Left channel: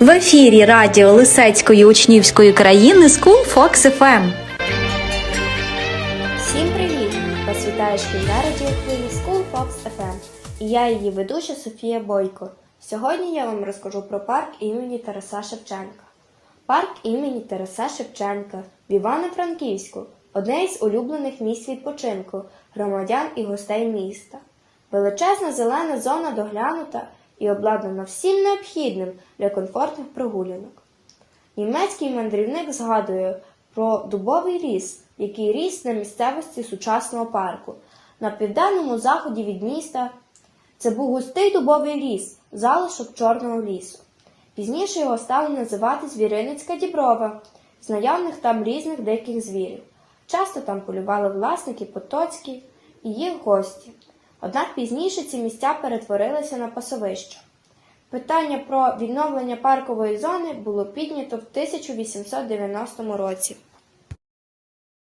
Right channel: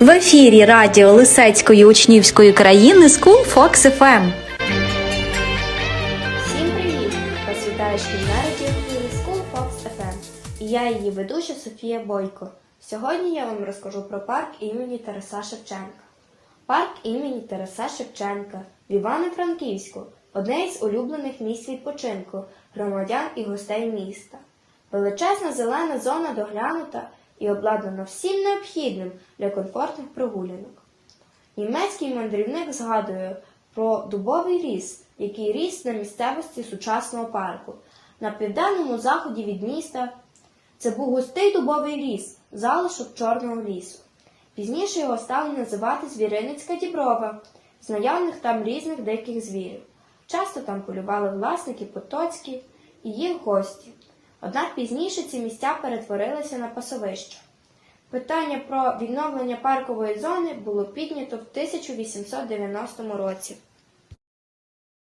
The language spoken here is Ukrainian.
В ефірі радіо Лисецької учнівської країни School Fox FM. Всім привіт! Вас вітає шкільна радіохвилі School Fox FM. І я її ведуча Софія Бойко. Сьогодні я вам розкажу про парк імені Тараса Шевченка. Парк імені Тараса Шевченка в Івано-Франківську одне із улюблених місць відпочинку громадян і гостей міста. Величезна зелена зона доглянута і обладнана всім необхідним для комфортних прогулянок. Німецький мандрівник згадує про дубовий ліс, який ріс на місцевості сучасного парку. На південному заході від міста це був густий дубовий ліс, залишок Чорного лісу. Пізніше його стали називати Звіриницька Діброва, знайомих там різних диких звірів. Часто там полювали власники Потоцькі і їх гості. Однак пізніше ці місця перетворилися на пасовища. Питання про відновлення паркової зони було піднято в 1890 році.